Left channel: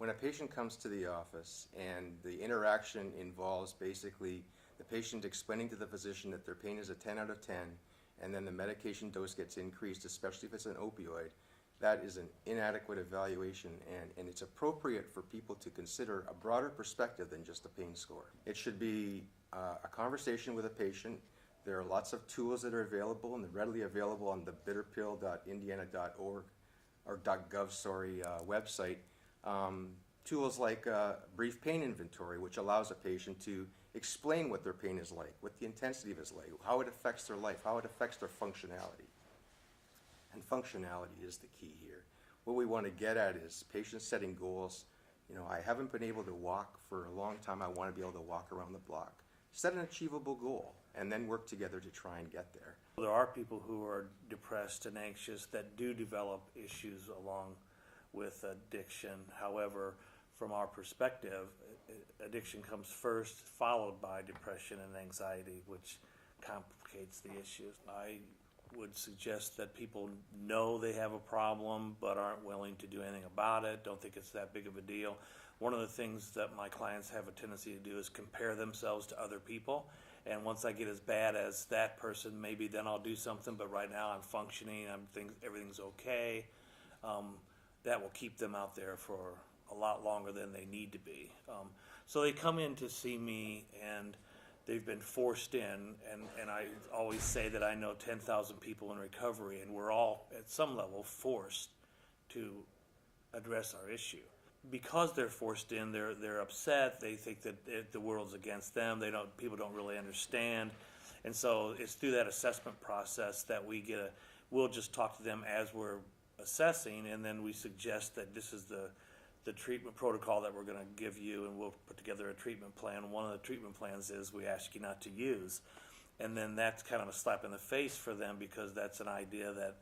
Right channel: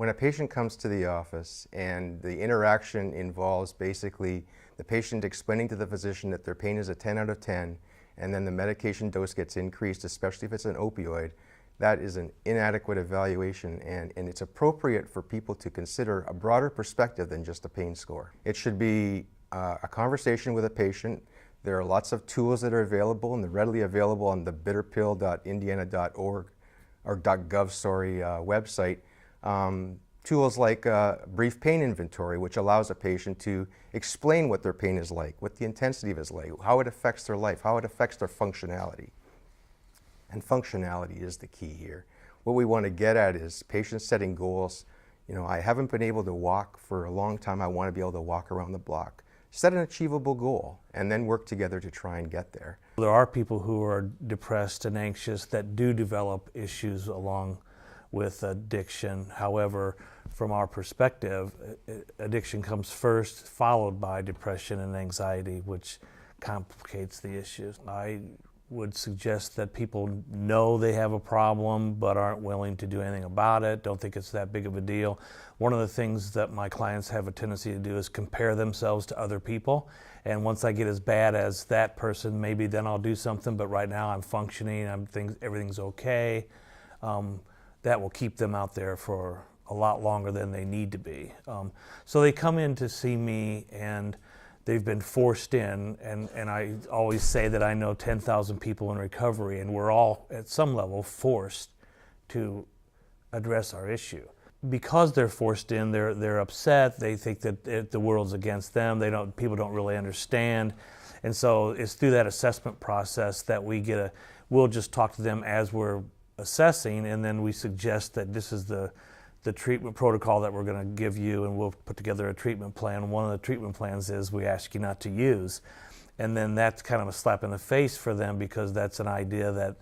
When a patient comes to the office and the interaction involves basically the patient explaining to the physician that their pain is a 10 out of 10, and then the medication dose gets increased, especially if it's an opioid, that is an inadequate evaluation, and it's appropriate for people to consider a broader perspective than just a pain score. It should be a conversation with a patient. There are lots of tools that are available, and they're readily available on the bitterpill.indiana.org or .gov, website. Tools like brief pain inventory, which allows a patient to explain what their pain is like, what the intensity of it is like, how it affects their life, how it affects their functionality. And functionality is the key here. What we want to get at is patients setting goals. You know, I haven't been able to walk for a long time. I want to be able to walk around the block. Set an achievable goal and then work together to try and get there. There are people who are depressed and anxious that do develop issues along with addiction. However, from our perspective, addiction comes first, followed by depression and anxiety, which complicates the issues. I would suggest that people know they have a problem but aren't willing to do anything about it, don't think it's that big of a deal. One of the things that my clients have a tendency to do is compare themselves to other people, and once I get as bad as that person, maybe then I'll do something, but right now I'm functioning, everything's okay. That will keep them out there for a lot longer than they need to be. So they come in to see me and they've been forced in, and I always say that I know 10,000 people in recovery, and we're all at some level forced to address our issue. Because they're forced in, they're upset, they think that the world's against them, people don't really understand, and so it's through that assessment process that we'll just talk to them as we're assessing, and then we suggest that this is the treatment protocol that we're going to give you, and we'll put together a treatment plan. One of the treatment plans is we ask you not to use, and then that's kind of a slap in the face for them because that's an idea that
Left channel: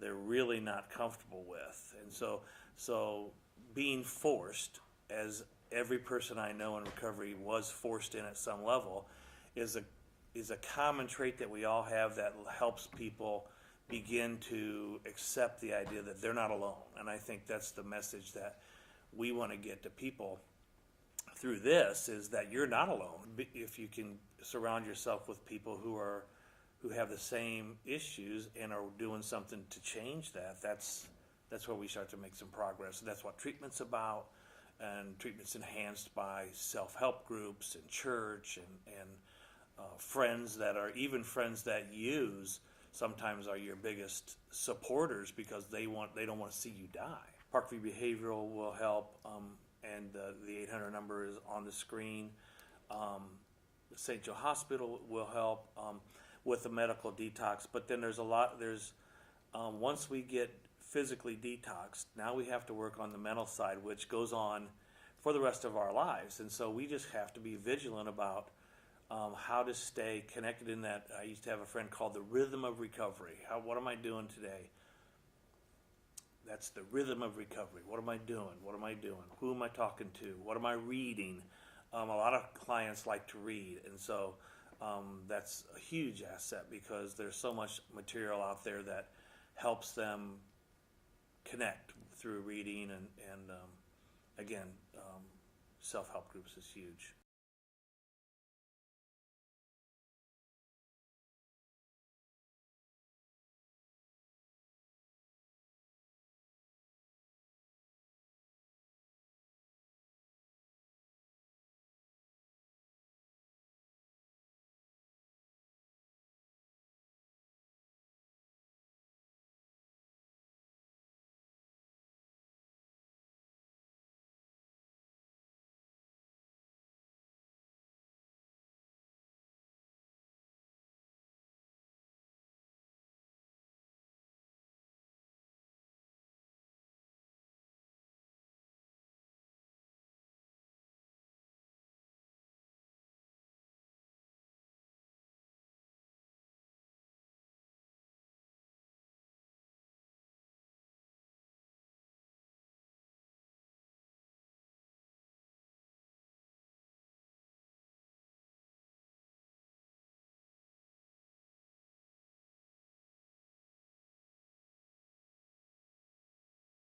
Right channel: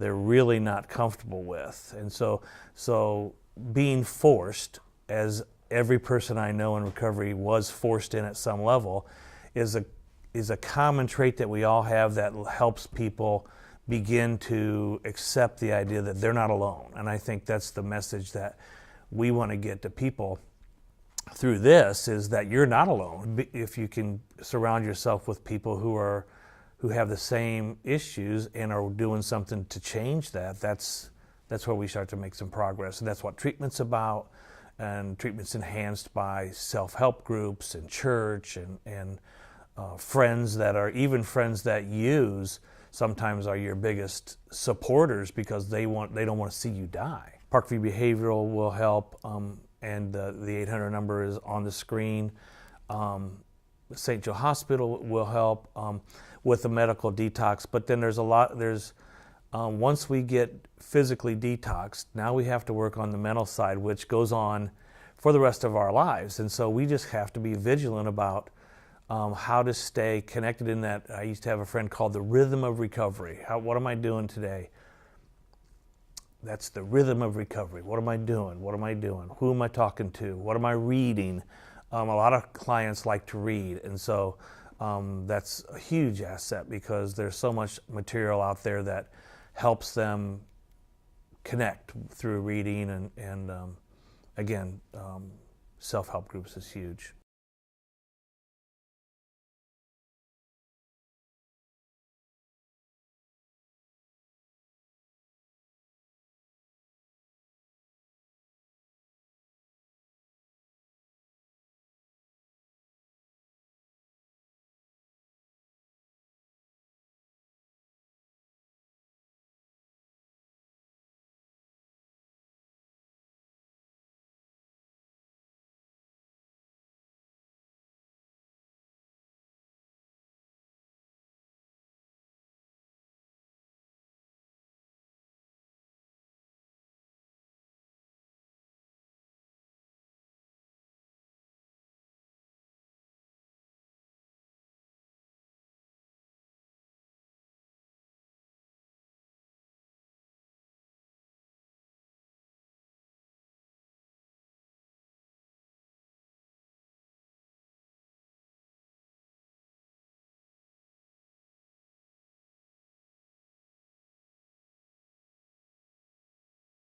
they're really not comfortable with. And so being forced, as every person I know in recovery was forced in at some level, is a common trait that we all have that helps people begin to accept the idea that they're not alone. And I think that's the message that we want to get to people through this, is that you're not alone. If you can surround yourself with people who have the same issues and are doing something to change that, that's where we start to make some progress. And that's what treatment's about. And treatment's enhanced by self-help groups and church and friends that use sometimes are your biggest supporters because they don't want to see you die. Parkview Behavioral will help, and the 800 number is on the screen. St. Joe Hospital will help with the medical detox, but then once we get physically detoxed, now we have to work on the mental side, which goes on for the rest of our lives. And so we just have to be vigilant about how to stay connected in that. I used to have a friend called the rhythm of recovery. What am I doing today? That's the rhythm of recovery. What am I doing? What am I doing? Who am I talking to? What am I reading? A lot of clients like to read, and so that's a huge asset because there's so much material out there that helps them connect through reading, and again, self-help groups is huge.